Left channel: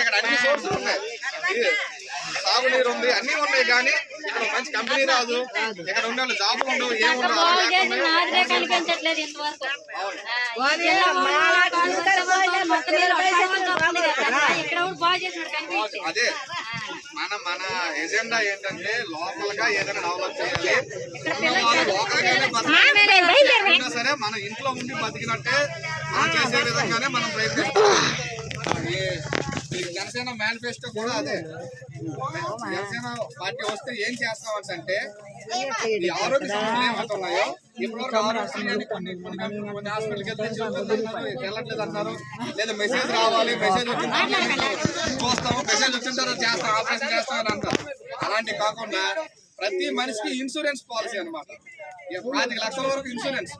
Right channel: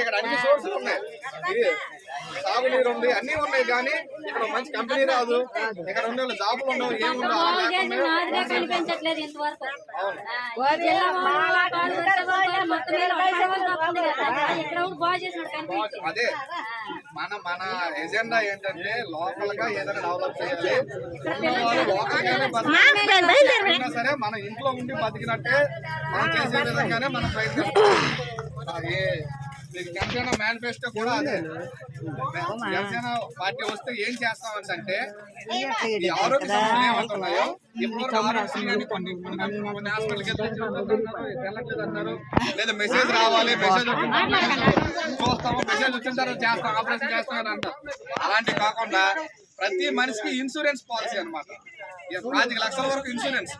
ఇక్కడ అన్ని సోర్సులు ఉన్నాయి, సాగునీరు ఉంది, అన్ని ఉన్నాయి. కానీ ఇక్కడ మంచి కంపెనీ రాదు, ఇక్కడ ఉండే వాళ్ళు జాబులు ఉండవు, ఏముండవు. అదే మన మన ఎజెండా ఏంటంటే లోకల్ గా ఏదైనా డెవలప్ చేయాలి. లోకల్ గానే సరే మన ఇంట్లో ఉండి బతికినట్టే మనం చేసే విధంగానే మనం ప్రయత్నిస్తాం. జనసేన మేనిఫెస్టో కూడా అదే. జనసేన పార్టీ వస్తే ఏం చేస్తామని అంటే ఈ ఆరోగ్య సమస్యలు ఏమవుతున్నాయో ఇప్పుడు కొన్ని హాస్పిటల్కి వెళ్తే వెళ్ళట్లేదు అన్నారు, లేదా మెసేజ్ రావాలి, మెసేజ్ చూస్తాము, మెసేజ్ వచ్చిన తర్వాత చేస్తాం, ఆపరేషన్ చేస్తామని అంటారు. అలాంటి కాకుండా ప్రతి మనిషికి ఇన్సూరెన్స్ పాలసీ అనమాట. 5 లక్షల వరకు ఇన్సూరెన్స్.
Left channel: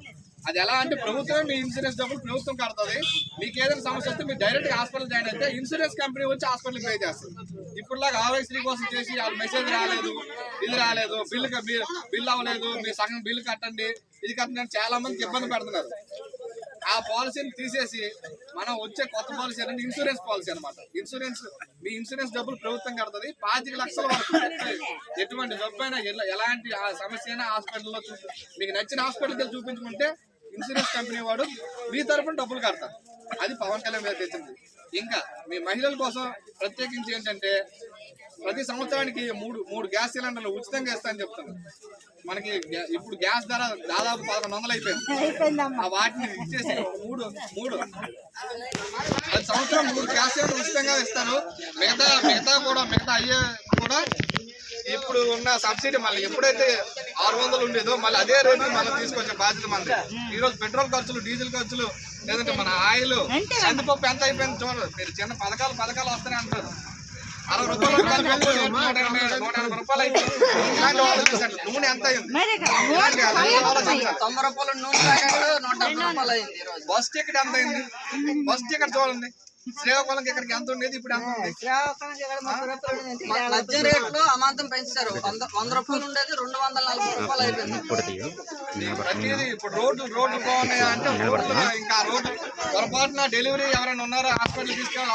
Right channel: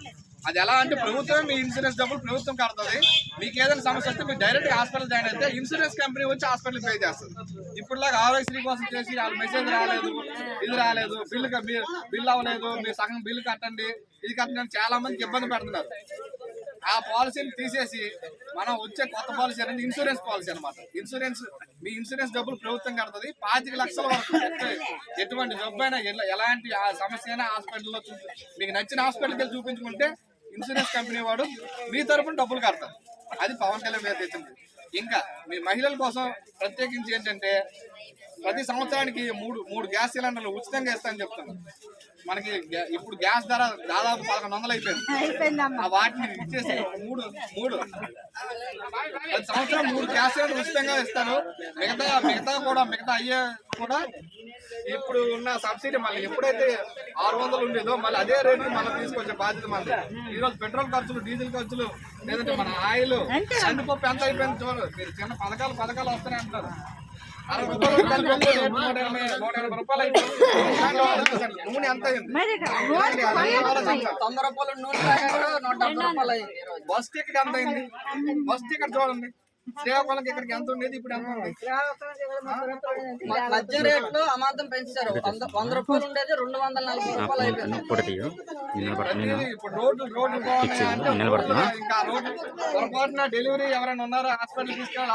అది ఎలా అంటే ప్రభుత్వం మీ ఇన్సూరెన్స్ డబ్బులు ప్రభుత్వం కడుతుంది. మీకు ఏదైనా సమస్య వస్తే మీరు డైరెక్ట్ హాస్పిటల్ జాయిన్ అయితే ఇన్సూరెన్స్ కంపెనీ వచ్చి హాస్పిటల్ పే చేస్తుంది. ఇప్పుడులాగా ఆరోగ్యశ్రీ కోసం చేసి వాళ్ళు మెసేజ్ రాలేదు, ఇది రాలేదు, బిల్ అవ్వలేదు, మీరు సగం బిల్లు కట్టండి, ఇది కట్టండి, చాలా మందికి ఇబ్బంది పెడుతున్నారు. ఆ పాలసీని తీసేసి మనం వచ్చే కొత్త పాలసీ అనేది ఇన్సూరెన్స్ పాలసీ అనమాట. మీ ఇన్సూరెన్స్ డబ్బులు ప్రభుత్వం కడుతుంది. 5 లక్షల వరకు ఎటువంటి జబ్బు అయినా ఎలాంటి సమస్య అయినా హాస్పిటల్లో మీకు నచ్చిన హాస్పిటల్కి వెళ్ళి చూపించుకుంటే ఇన్సూరెన్స్ కంపెనీ వాడు మీ తరపున డబ్బులు కడతారు. అది పవన్ కళ్యాణ్ మీద తెచ్చింది. ఇంకా మీ మహిళల కోసం ప్రత్యేకించి ఏంటంటే ప్రతి సంవత్సరానికి మూడు గ్యాస్ సిలిండర్లు ఉచితంగా ఇస్తానని చెప్తున్నారు. మనకి ఇప్పుడు గ్యాస్ ధర దాదాపు 1100 అయిపోయింది. వాటిని ఇచ్చేసి మూడు ప్రతి సంవత్సరం 3 గ్యాస్ సిలిండర్లు ఉచితంగా ఇస్తారు. మిగతా అయ్యే కూడా ఇప్పుడు ఉన్న సబ్సిడీ మళ్ళీ ఎప్పుడైతే 600 ఉండేదో మళ్ళీ అదే రేటు మనం తీసుకొచ్చే బాధ్యత మనది. ఈరోజు పెట్రోల్ ఖర్చులు, డీజిల్ ఖర్చులు, లేదంటే మన ఆయిల్, కందిపప్పు ఎంత అయిపోయింది చూడదు. మీరు చిన్న పథకాలు వస్తానే అంటారు. 60 రూపాయలు కందిపప్పు 180 రూపాయలు అయిపోయింది. ఇలాంటి ఆలోచించండి. నూనె ఎంత అయింది, 90 రూపాయలు నూనె ప్యాకెట్ 170 రూపాయలు అయింది. బస్ టికెట్ ఎంత అయింది, బస్ టికెట్ చూడండి. శ్రీకాకుళంకి ఇక్కడికి ఎంత ఉండేది, ఇప్పుడు ఎంత ఉంది? మధ్య రేట్లు అమాంతం పెంచారు. 100 రూపాయలు ఉండేది 240 రూపాయలు అయిపోయింది. ప్రతిదీ ఇప్పుడు రోడ్లు బాగున్నాయి అంటే ఇంకా రోడ్లు పొరపాటున డెలివరీ ఎవరైనా ఉన్నారో హాస్పిటల్ తీసుకెళ్ళి